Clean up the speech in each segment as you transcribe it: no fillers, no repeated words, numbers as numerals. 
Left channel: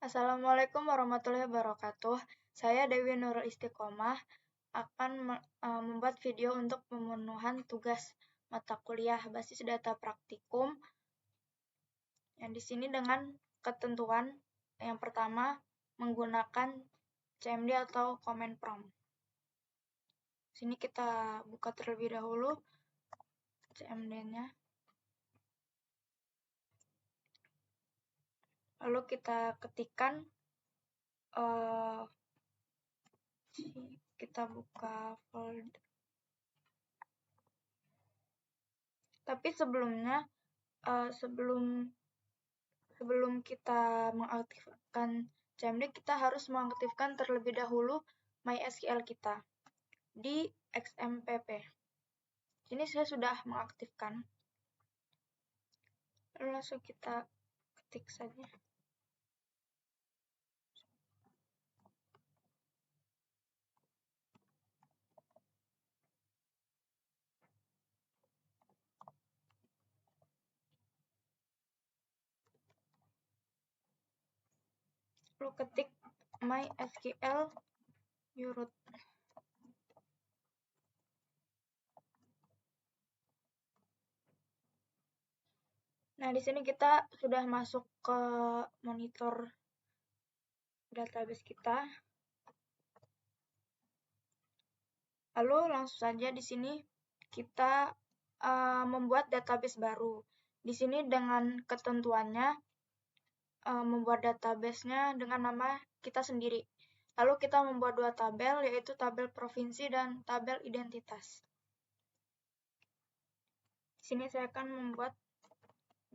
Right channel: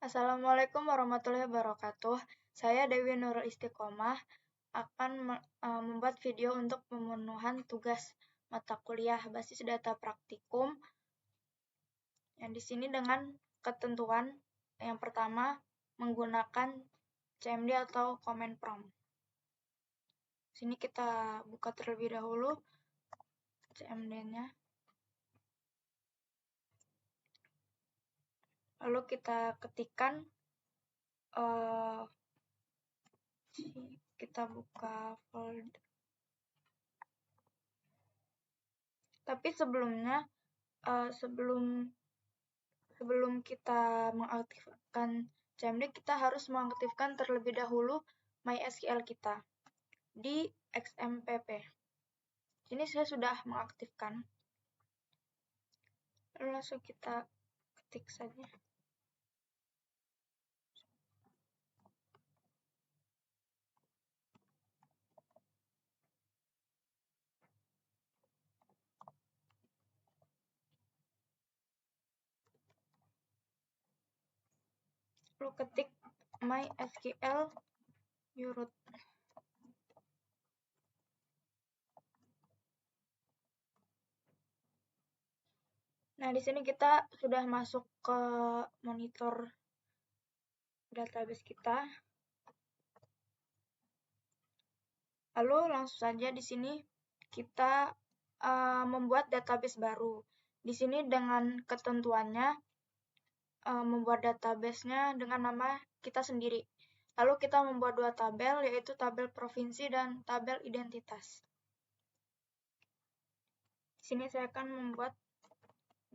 Assalamualaikum warahmatullahi wabarakatuh. Saya Dewi Nurul Istiqomah akan membuat video untuk pemenuhan tugas mata kuliah basis data praktikum. Yang di sini dengan ketentuan yang pertama menggunakan CMD atau command prompt. Sini kita buka terlebih dahulu CMD-nya. Lalu kita ketikkan kita buka folder. Tapi sebelumnya sebelum kita mengaktifkan CMD, kita harus mengaktifkan terlebih dahulu MySQL kita di XMPP. Ini saya sudah mengaktifkan. Lalu langsung kita ketik saja. Lalu ketik MySQL root. Nah, di sini kita sudah masuk ke monitor database kita. Lalu langsung saja di sini kita membuat database baru. Di sini dengan ketentuannya membuat database-nya dengan nama kita sendiri. Lalu kita membuat dua tabel, yaitu tabel provinsi dan tabel identitas. Di sini saya akan membuat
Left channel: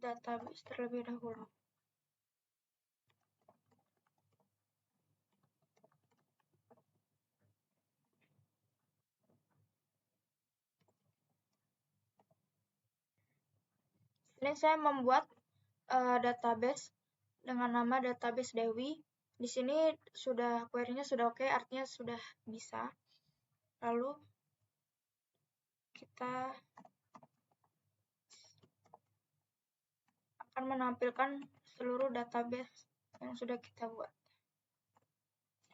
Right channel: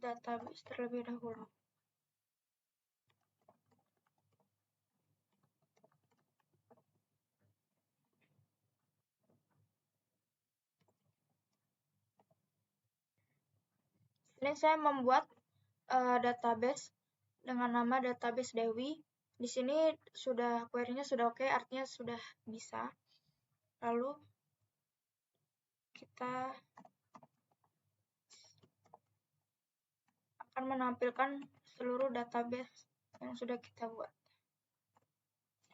database terlebih dahulu. Ini saya membuat database dengan nama database Dewi. Di sini sudah query-nya sudah oke, artinya sudah bisa. Lalu kita akan menampilkan seluruh database yang sudah kita buat.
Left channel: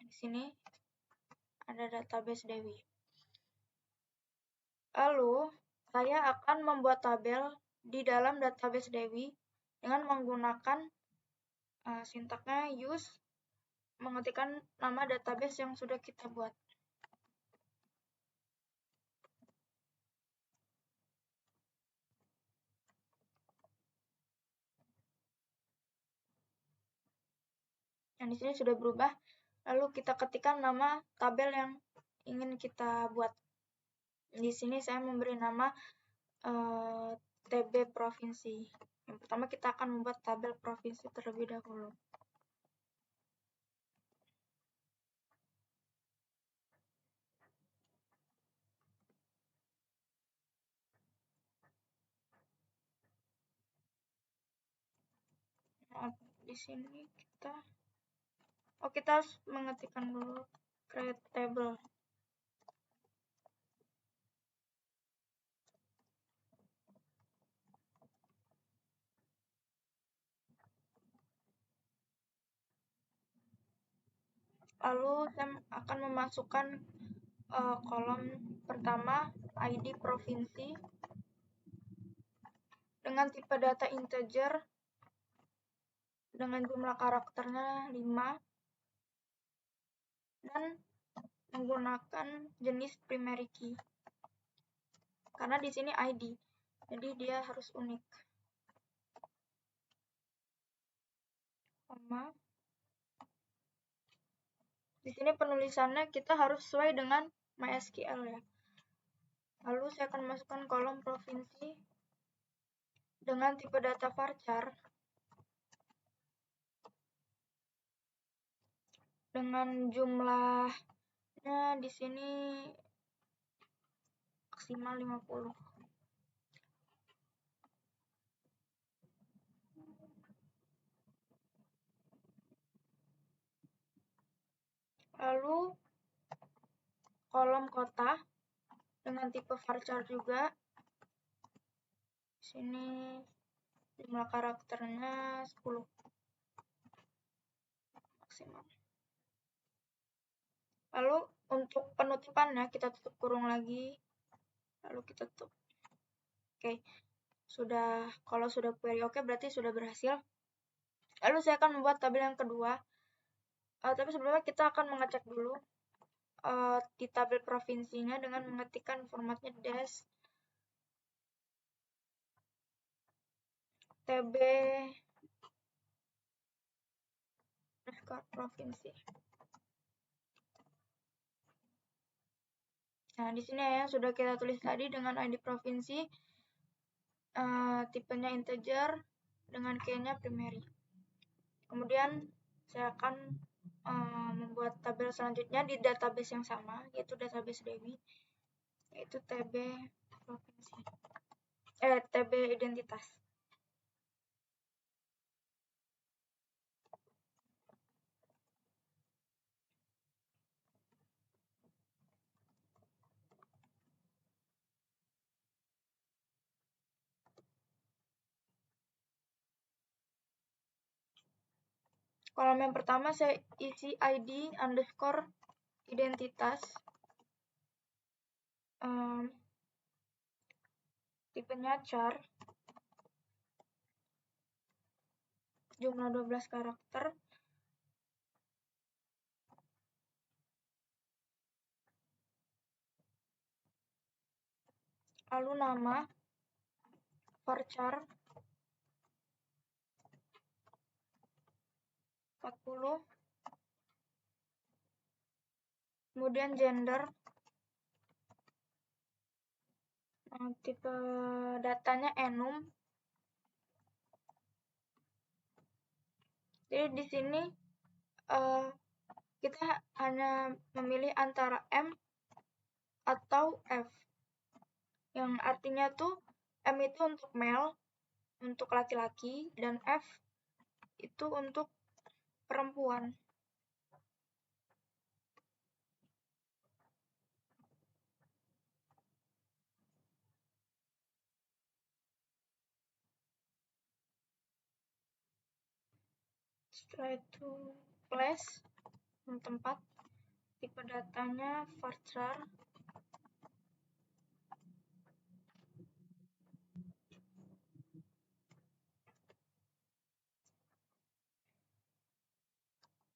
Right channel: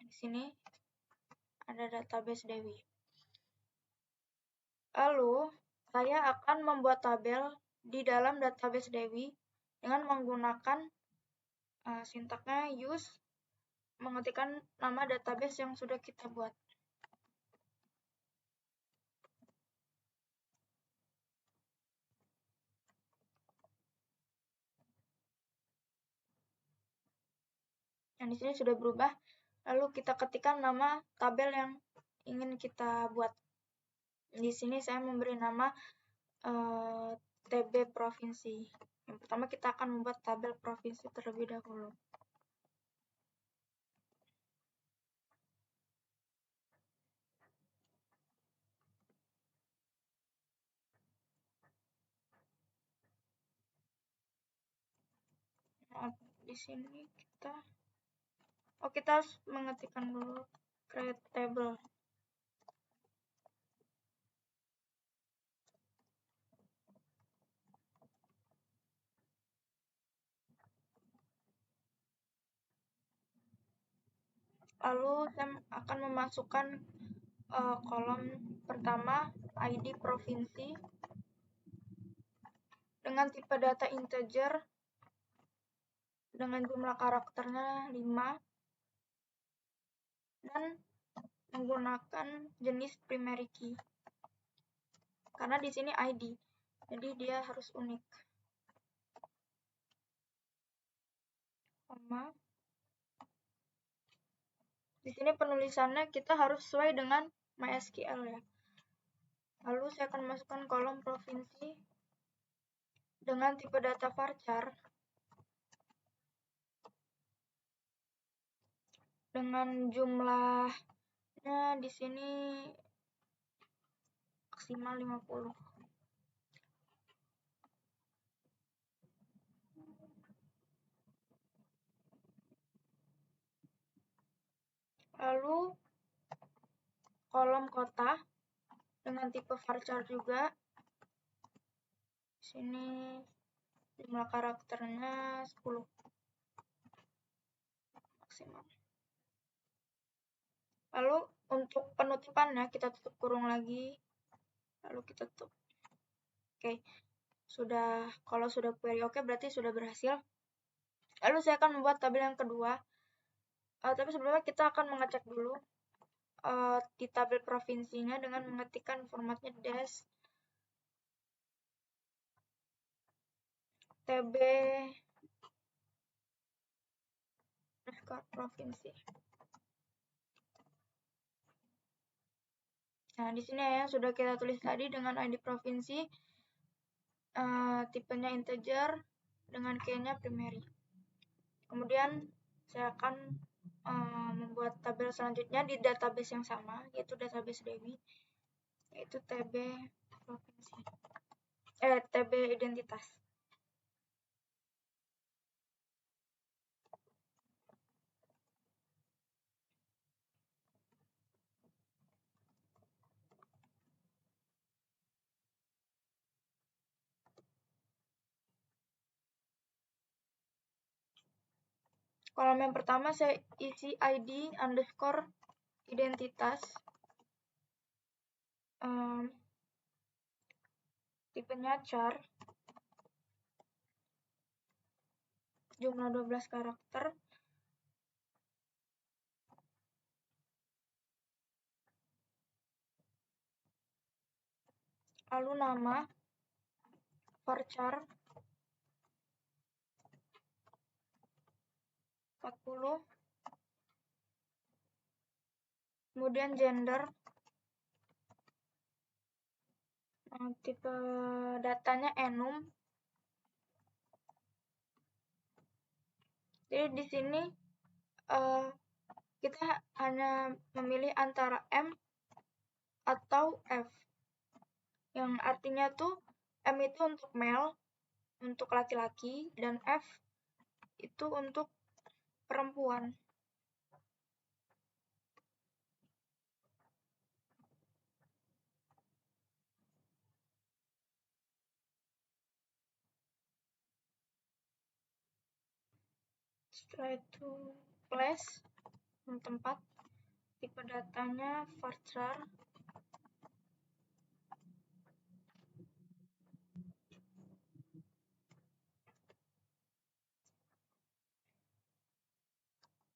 Di sini ada database Dewi. Lalu saya akan membuat tabel di dalam database Dewi dengan menggunakan sintaknya use, mengetikkan nama database yang sudah kita buat. Yang di sini sudah berubah. Lalu kita ketikkan nama tabel yang ingin kita buat. Di sini saya memberi nama TB provinsi. Yang pertama kita akan membuat tabel provinsi terlebih dahulu. Nah, di sini kita harus mengetikkan dulu create table. Lalu saya akan memasukkan kolom pertama ID provinsi dengan tipe data integer dengan jumlah karakternya 5 dan menggunakan jenis primary key. Karena di sini ID, jadi dia harus unik. Koma. Di sini penulisannya kita harus sesuai dengan MySQL ya. Lalu saya akan masukkan kolom provinsi dengan tipe data varchar dengan jumlahnya di sini maksimal 50. Lalu kolom kota dengan tipe varchar juga. Di sini jumlah karakternya 10. maksimal. Lalu untuk penutupannya kita tutup kurung lagi, lalu kita tutup. Oke, kalau sudah query oke berarti sudah berhasil. Lalu saya akan membuat tabel yang kedua. Tapi sebelumnya kita akan mengecek dulu di tabel provinsinya dengan mengetikkan formatnya dash tb provinsi. Nah, di sini ya sudah kita tulis tadi dengan ID provinsi, tipenya integer dengan key-nya primary. Kemudian saya akan membuat tabel selanjutnya di database yang sama, yaitu database DEWI, yaitu TB provinsi, TB identitas. Kolom yang pertama saya isi ID underscore identitas, tipenya char, jumlah 12 karakter, lalu nama, varchar 40, kemudian gender, tipe datanya enum. Jadi di sini kita hanya memilih antara M atau F, yang artinya tuh M itu untuk male, untuk laki-laki, dan F itu untuk perempuan. Setelah itu place, tempat, tipe datanya varchar,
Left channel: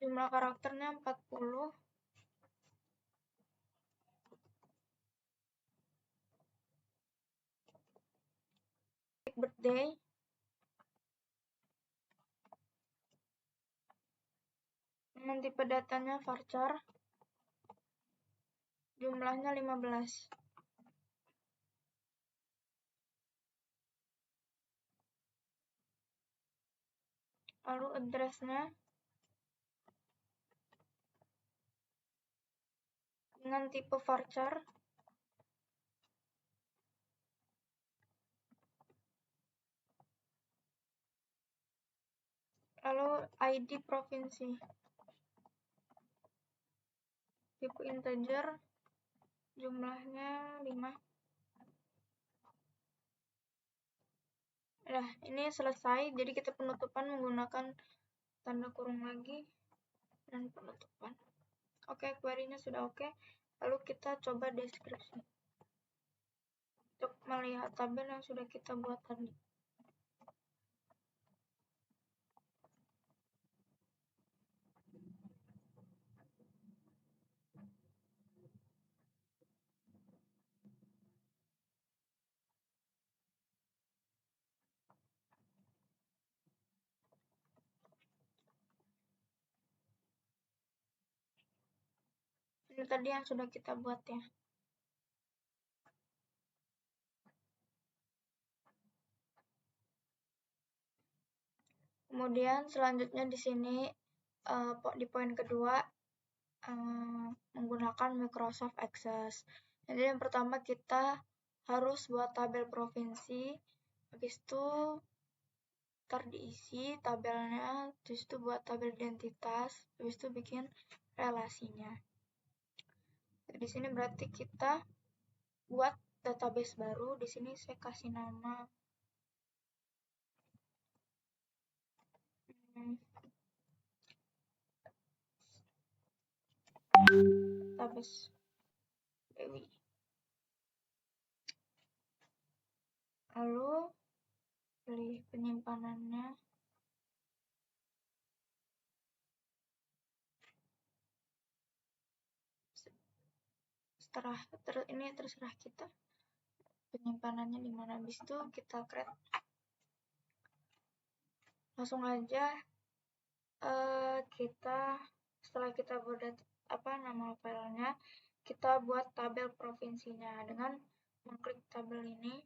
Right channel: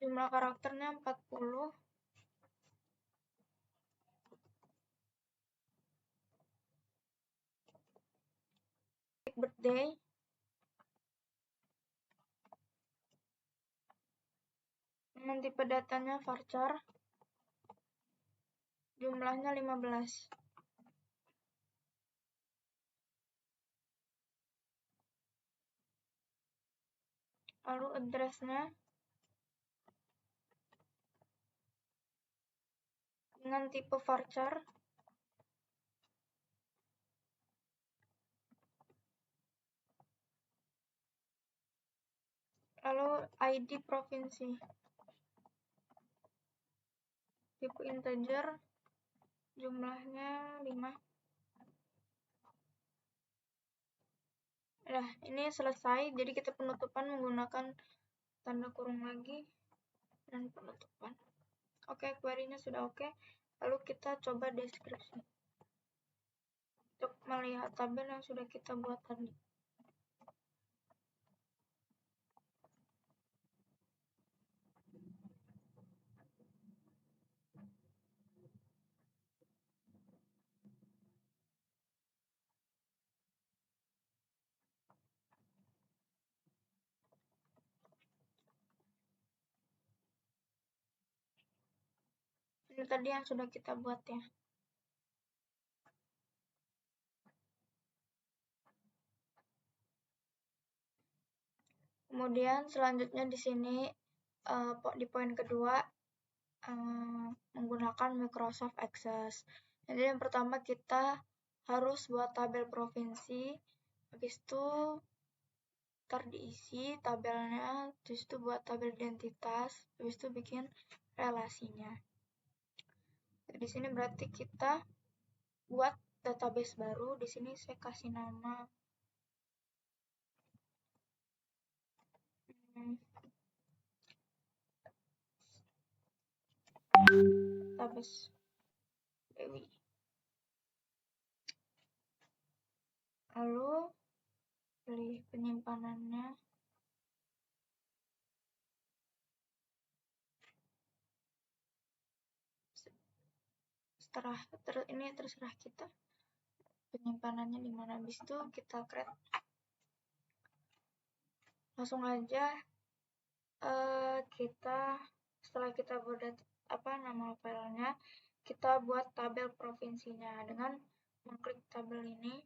jumlah karakternya 40, birthday, dengan tipe datanya varchar, jumlahnya 15. Lalu address-nya dengan tipe varchar, lalu ID provinsi, tipe integer, jumlahnya 5. Nah, ini selesai. Jadi kita penutupan menggunakan tanda kurung lagi dan penutupan. Oke, query-nya sudah oke. Lalu kita coba deskripsi untuk melihat tabel yang sudah kita buat tadi. Ini tadi yang sudah kita buat ya. Kemudian selanjutnya di sini di poin kedua menggunakan Microsoft Access. Jadi yang pertama kita harus buat tabel provinsi, habis itu diisi tabelnya, habis itu buat tabel identitas, habis itu bikin relasinya. Di sini berarti kita buat database baru. Di sini saya kasih nama database Dewi. Lalu pilih penyimpanannya. Setelah ini terserah kita penyimpanannya di mana. Habis itu kita create. Langsung aja setelah kita buat nama filenya, kita buat tabel provinsinya dengan mengklik tabel ini.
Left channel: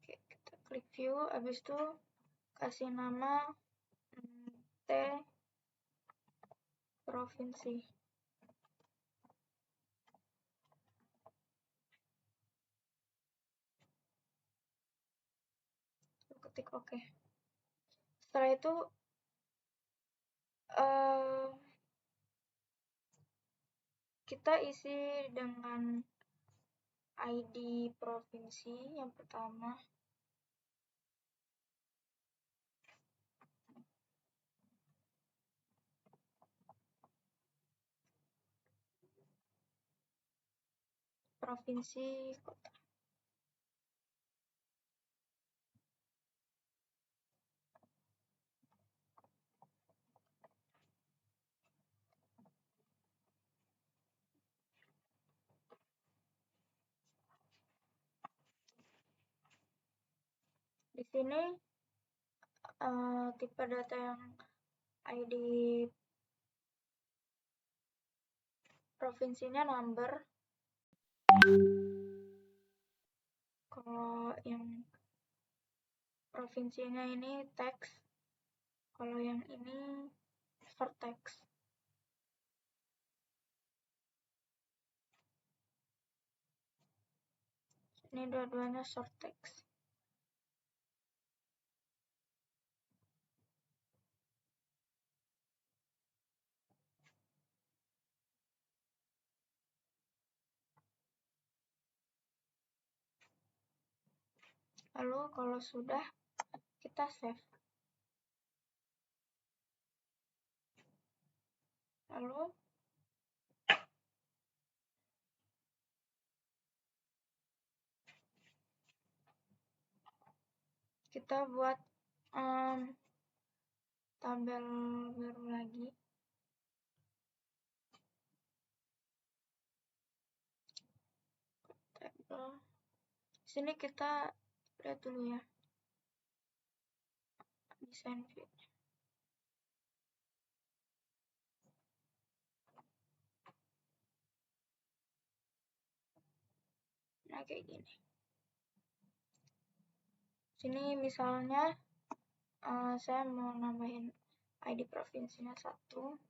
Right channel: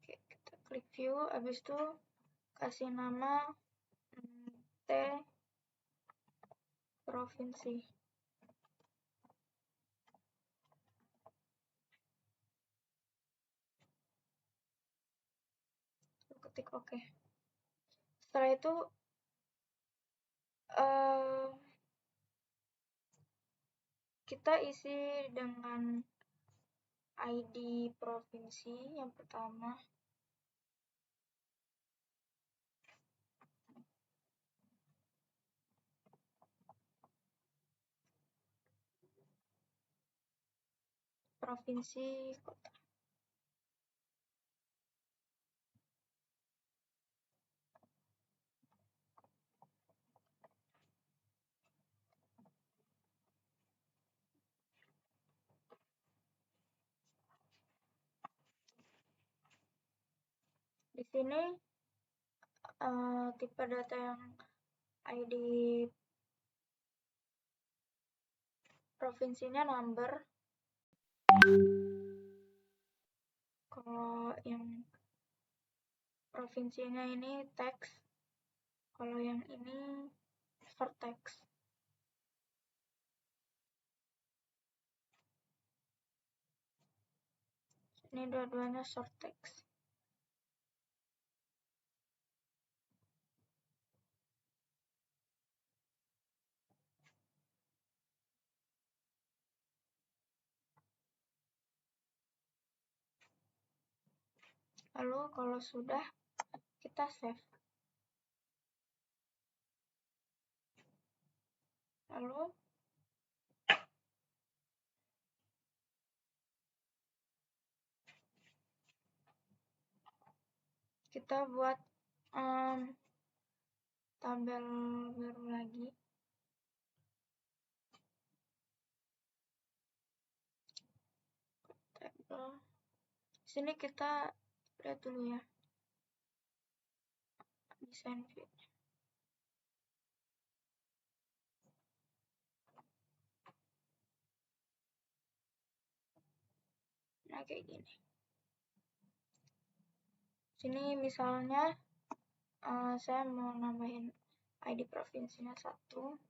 Oke, kita klik view, habis itu kasih nama T provinsi. Ketik oke. Setelah itu kita isi dengan ID provinsi yang pertama. Provinsi kota. Di sini tipe data yang ID provinsinya number. Kalau yang provinsinya ini teks. Kalau yang ini short text. Ini dua-duanya short text. Lalu kalau sudah, kita save. Lalu kita buat tabel baru lagi. Tabel. Di sini kita lihat dulu ya. Desain view. Nah, kayak gini. Sini misalnya saya mau nambahin ID provinsinya 1.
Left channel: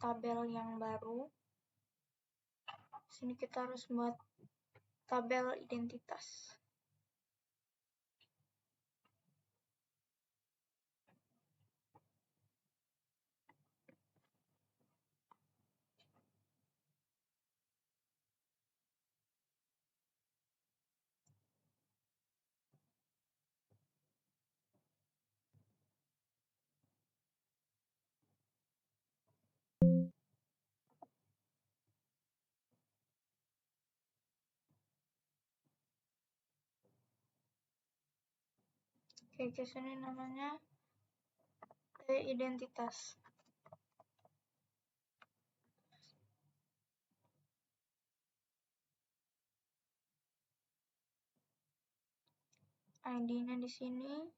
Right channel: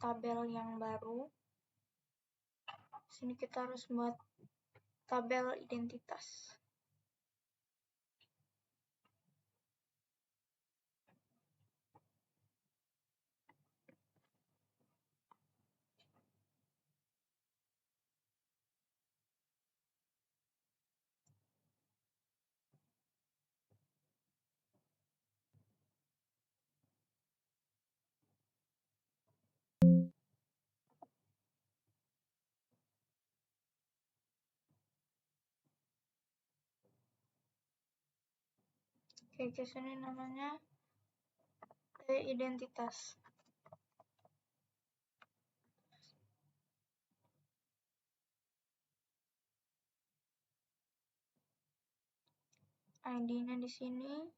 tabel yang baru. Sini kita harus buat tabel identitas. Oke, ke sini namanya identitas. ID-nya di sini.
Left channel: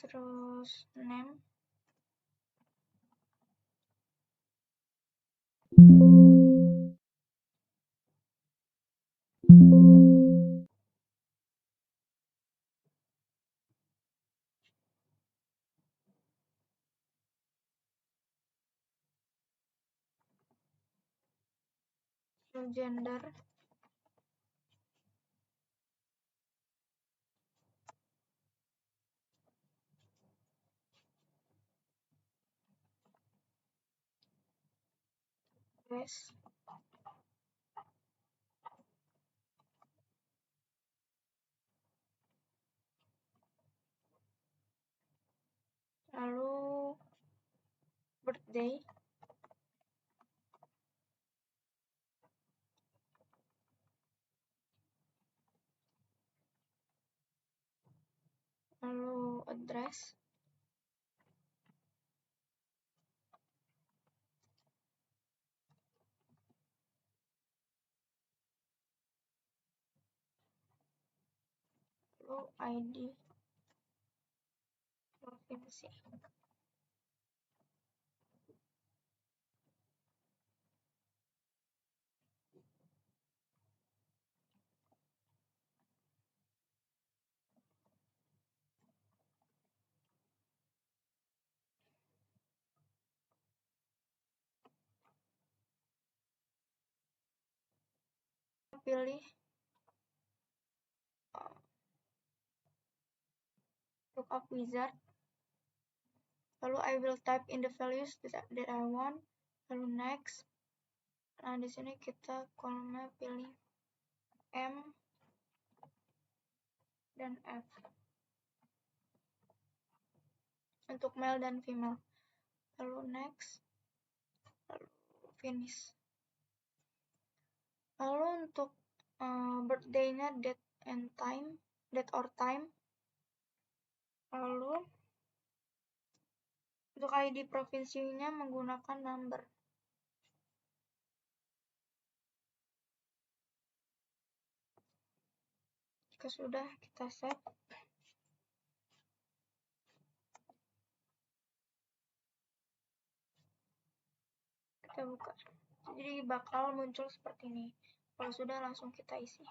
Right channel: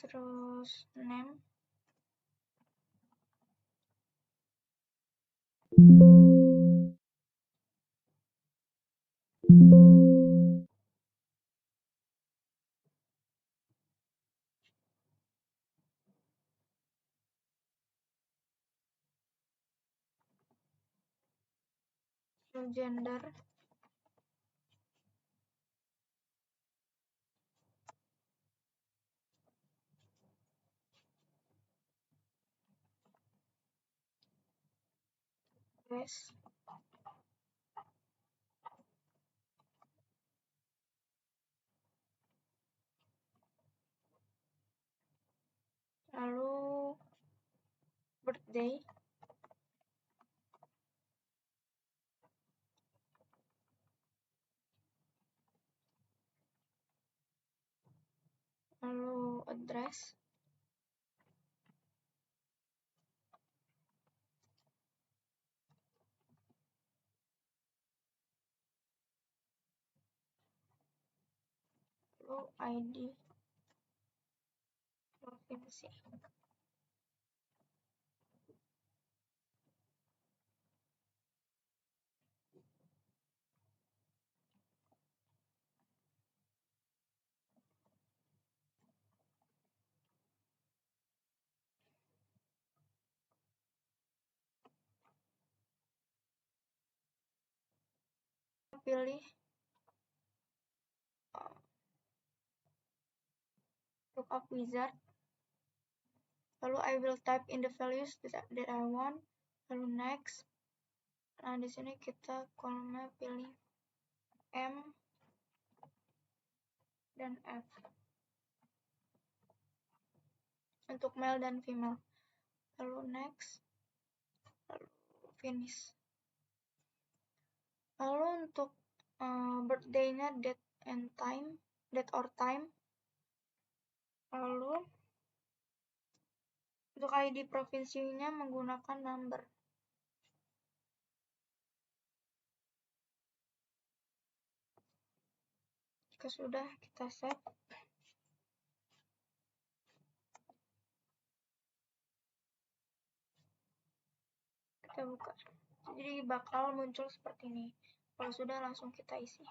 Terus name. Lalu gender. Race. Lalu birthday. Lalu address. Lalu ID. Provinsi. Pilih lookup wizard. Lalu I will type in the values that I want. Lalu next. Nah, di sini kita kolomnya pilih M dan F untuk male dan female. Lalu next. Lalu finish. Lalu untuk birthday-nya date or time. Lalu untuk ID provinsinya menggunakan number. Jika sudah, kita save. Kita buka. Jadi bakal muncul seperti ini. Kalau sudah, langsung kita isi.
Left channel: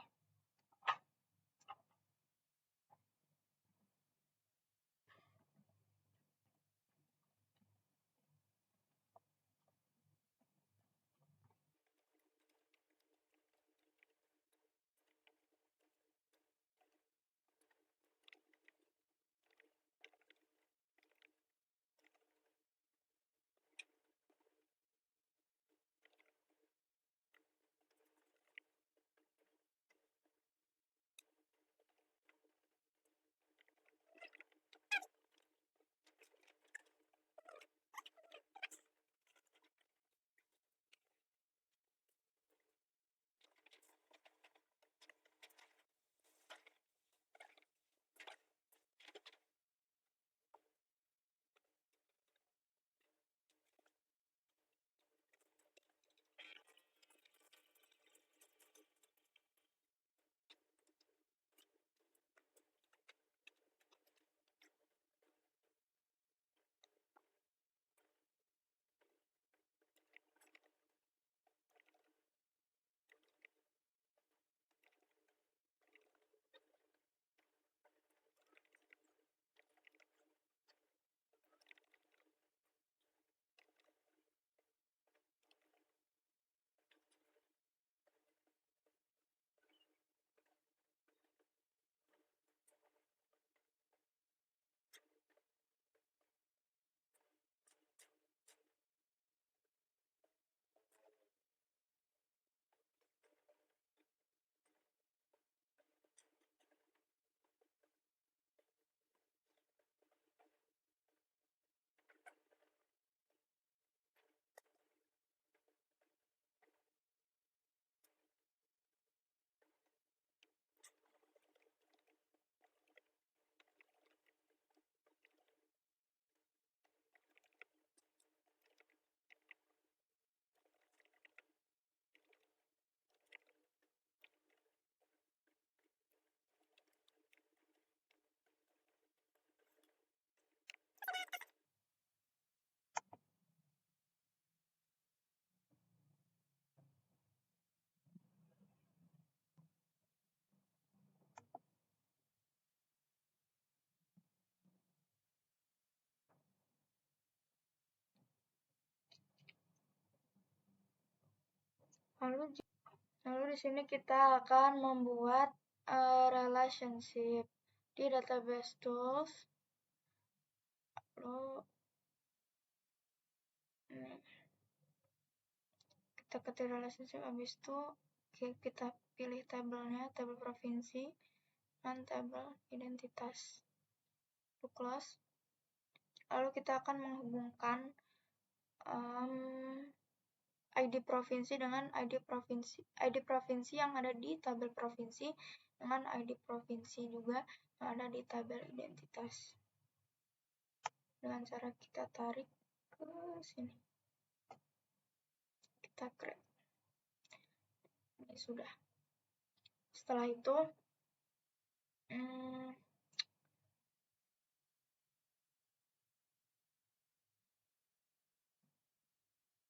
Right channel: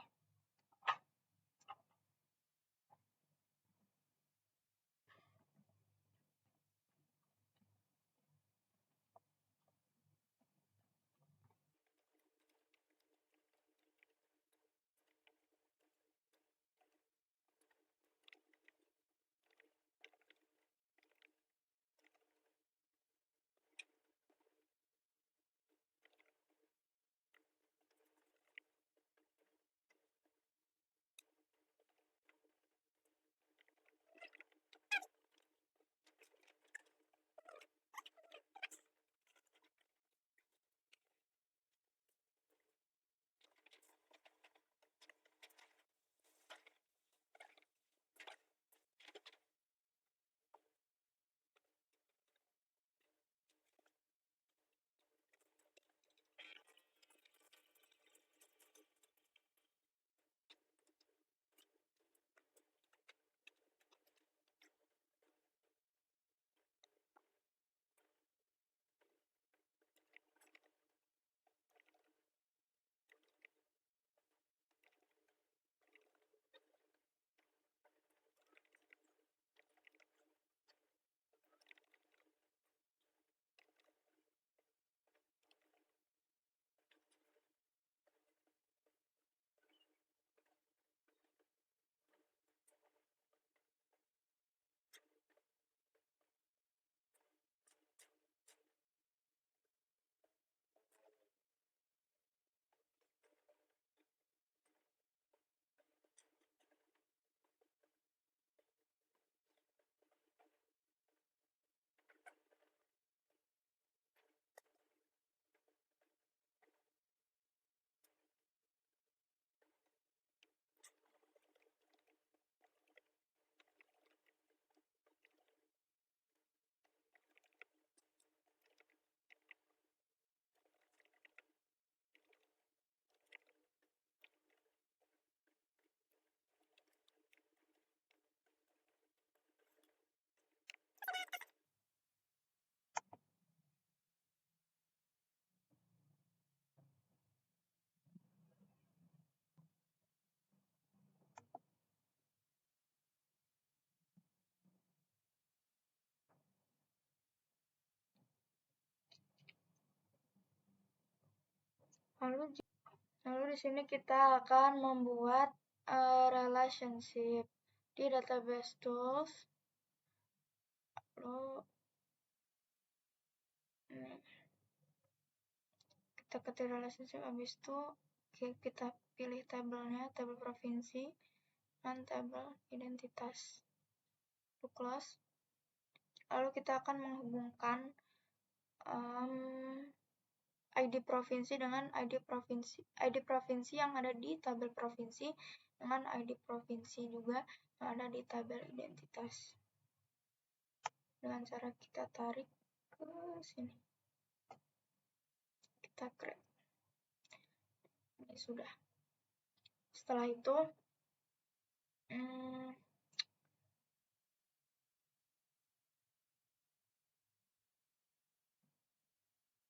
Lalu di sini kita akan membuat relationship di database tools. Lalu ini kita ketik relationship, habis itu kita pilih tabelnya, tabel provinsi dan tabel identitas. To close. Lalu kita akan menghubungkan ID provinsi dengan ID provinsi yang ada di tabel provinsi dengan ID provinsi juga yang ada di tabel identitas. Dengan cara kita tarik ke sini. Kita create. Ini sudah. Setelah itu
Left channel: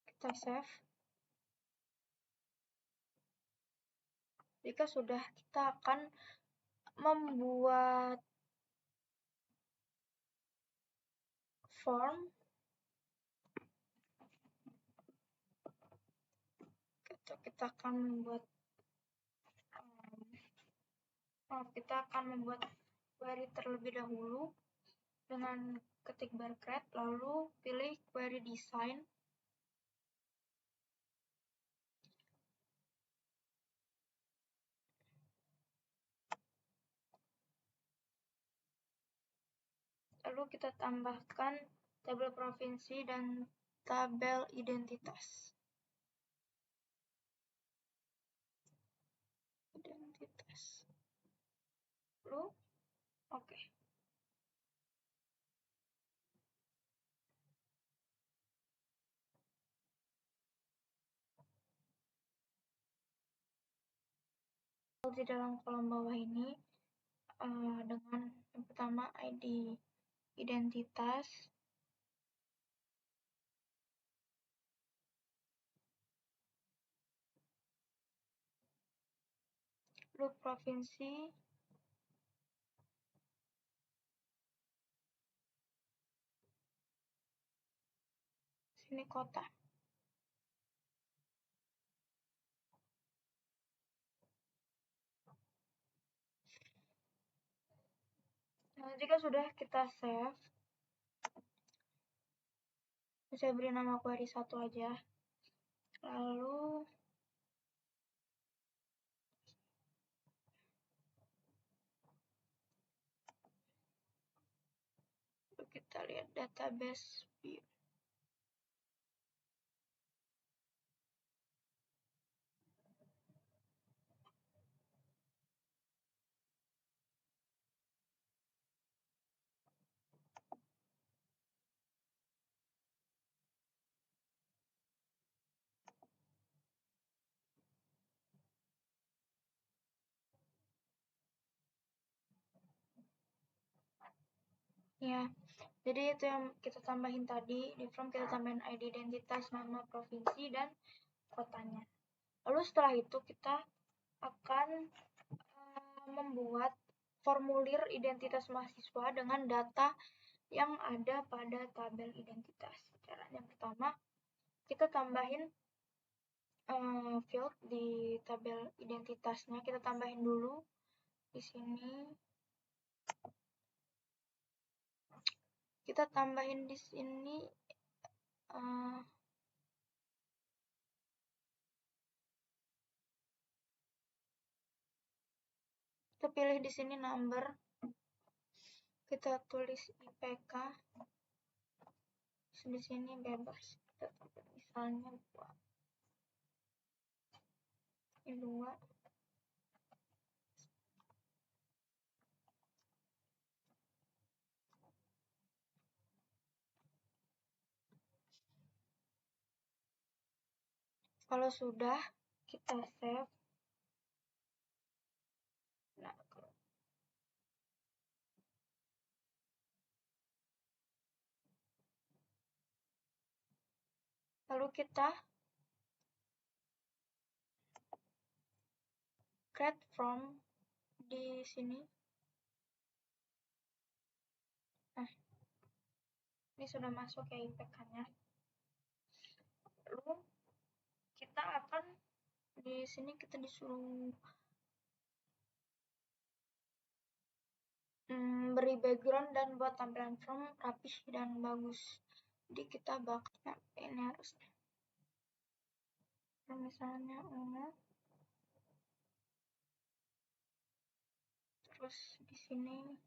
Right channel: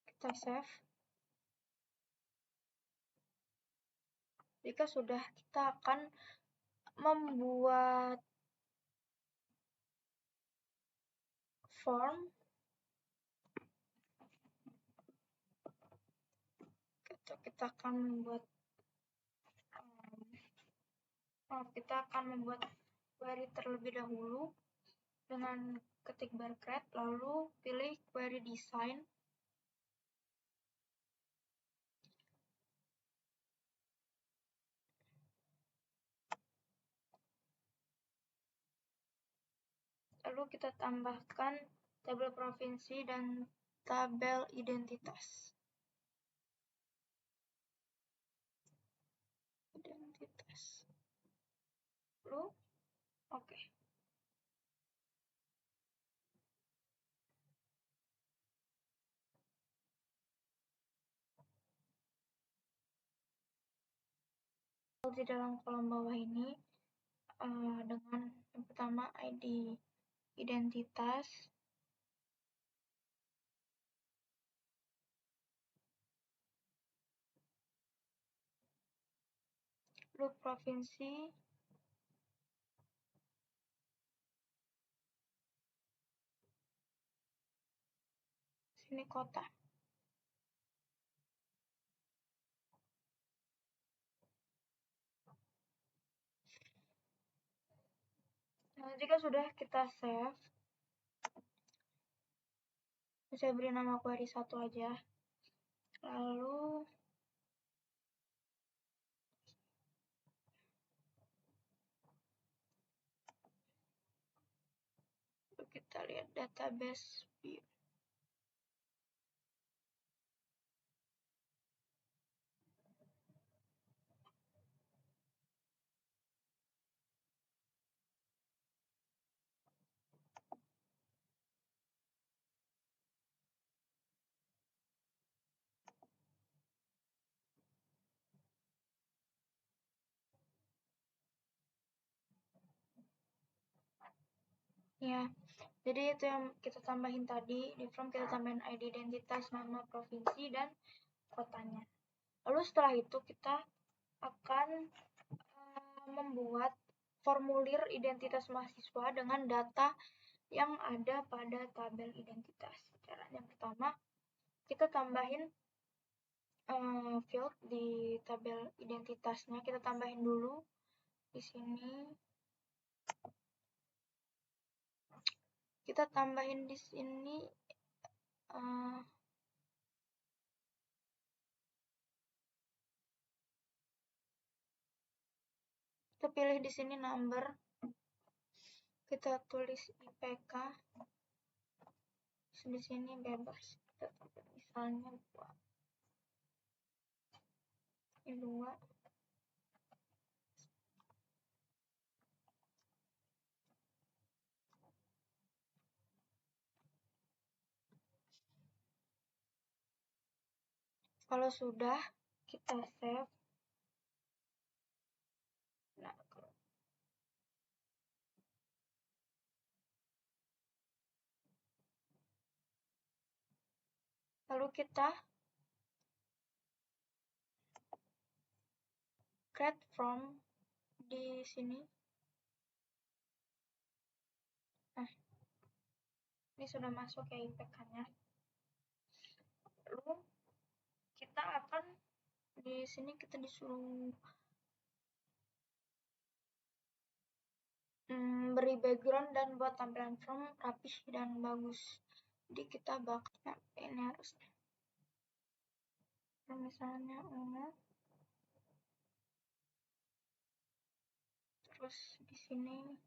kita save. Jika sudah, kita akan membuat form. Kita akan membuat query terlebih dahulu dengan ketik barcode, lalu pilih query design. Lalu kita tambahkan tabel provinsi dan tabel identitas. Lalu, oke. Di dalam kolom bawah ini dengan yang pertama ID identitas, lalu provinsi, sini kota. Nah, jika sudah, kita save. Saya beri nama query 1 aja. Lalu kita lihat database view. Ya, jadi itu yang kita tambahin tadi. Di form kita tambahin ID identitas, nama provinsi, dan kotanya. Lalu setelah itu kita akan membuat formulir identitas mahasiswa dengan data yang ada pada tabel identitas. Caranya pertama, kita tambahin field di tabel identitasnya. Kita tambahin dulu di sini. Kita tambahin di sini kita pilih di sini number, kita tulis IPK, di sini bebas, kita tulis misalnya 2. Kalau sudah, kita save. Nah, lalu kita create from di sini. Nah, ini sudah masuk ya IPK-nya. Lalu kita akan Di sini kita disuruh beri background dan buat tampilan form rapih dan bagus. Jadi kita bakal ini harusnya. Misalnya terus di sini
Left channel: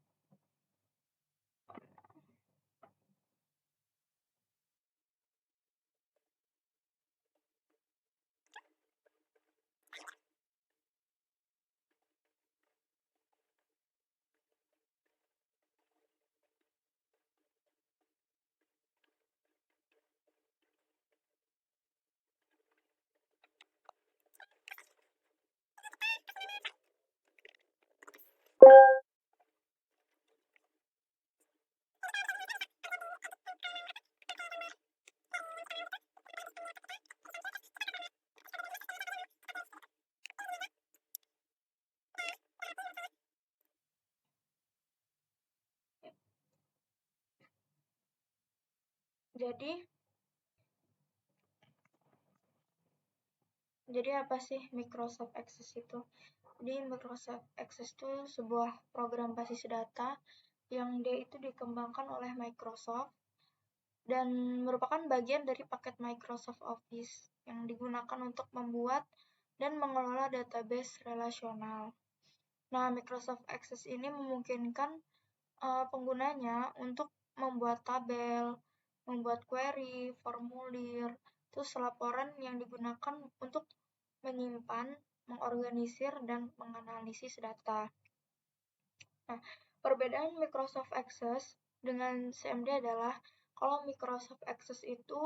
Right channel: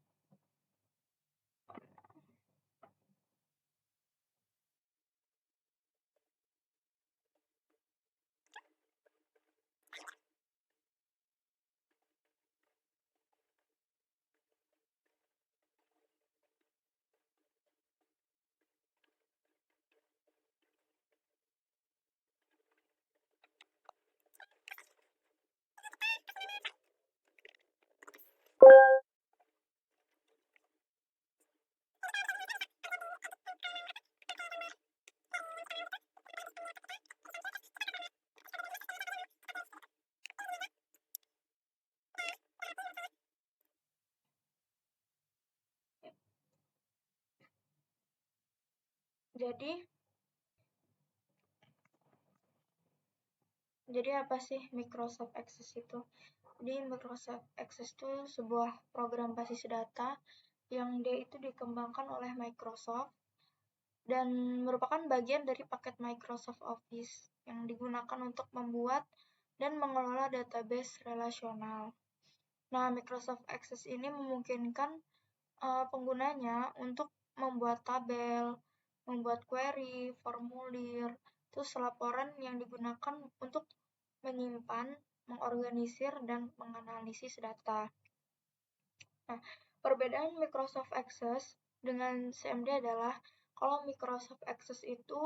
jadi apa sih Microsoft Access itu? Jadi Microsoft Access itu sebuah program basis data yang dia itu dikembangkan oleh Microsoft dan merupakan bagian dari paket Microsoft Office yang digunakan untuk membuat dan mengelola database relasional. Nah, Microsoft Access ini memungkinkan penggunanya untuk membuat tabel, membuat query, formulir, terus laporan yang digunakan untuk menyimpan, mengorganisir, dan menganalisis data. Nah, perbedaan Microsoft Access dengan CMD adalah kalau Microsoft Access itu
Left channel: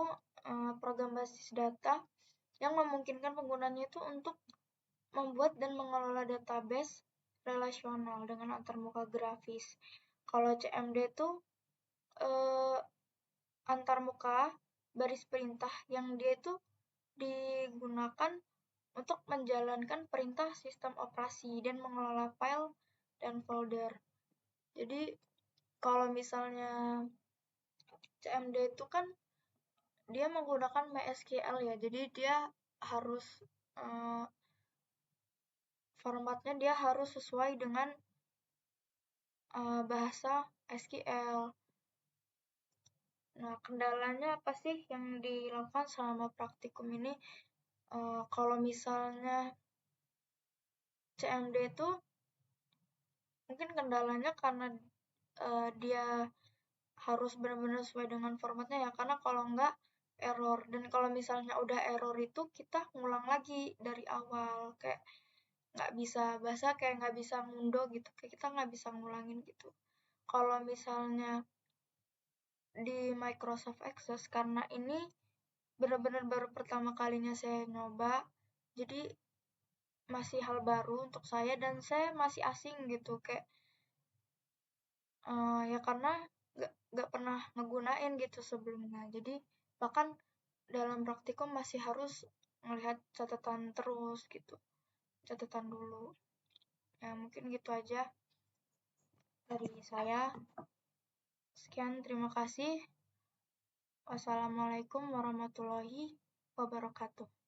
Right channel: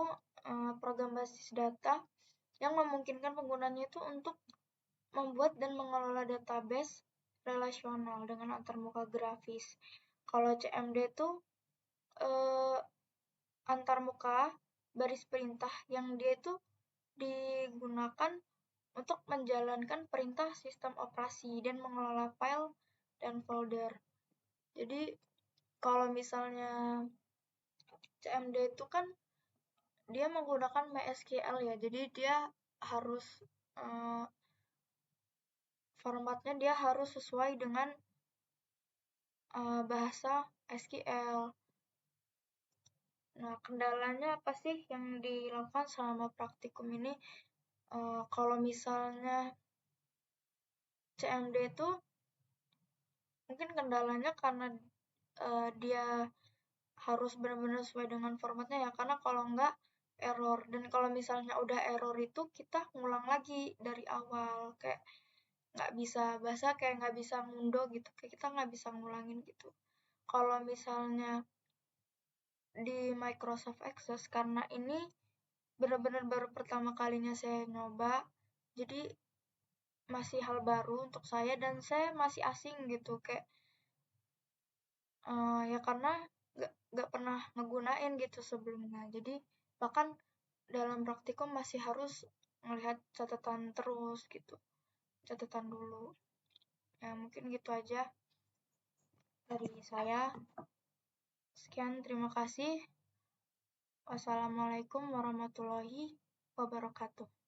program basis data yang memungkinkan penggunanya itu untuk membuat dan mengelola database relasional dengan antarmuka grafis. Kalau CMD itu antarmuka baris perintah yang dia itu digunakan untuk menjalankan perintah sistem operasi dan mengelola file dan folder. Jadi kalau misalnya CMD itu kan dia menggunakan MySQL ya, jadi dia harus formatnya dia harus sesuai dengan bahasa SQL. Nah, kendalanya apa sih yang dilakukan selama praktikum ini? Kalau misalnya CMD itu mungkin kendalanya karena dia harus benar-benar sesuai dengan formatnya ya, karena kalau enggak error. Dan kalau misalnya udah error itu kita ngulang lagi dari awal, kayak nggak bisa bahasa kayak nggak bisa ngundo gitu, kayak kita nggak bisa ngulangin gitu. Kalau misalnya di Microsoft Access, karena ini benar-benar baru pertama kalinya saya nyoba, jadi masih hal baru untuk saya dan saya masih asing gitu, kayak ya karena nggak pernah ngegunain gitu sebelumnya. Jadi bahkan dalam praktikum masih harus melihat catatan terus gitu, catatan dulu. Ya mungkin gitu aja dari saya. Sekian, terima kasih. Wassalamualaikum warahmatullahi wabarakatuh.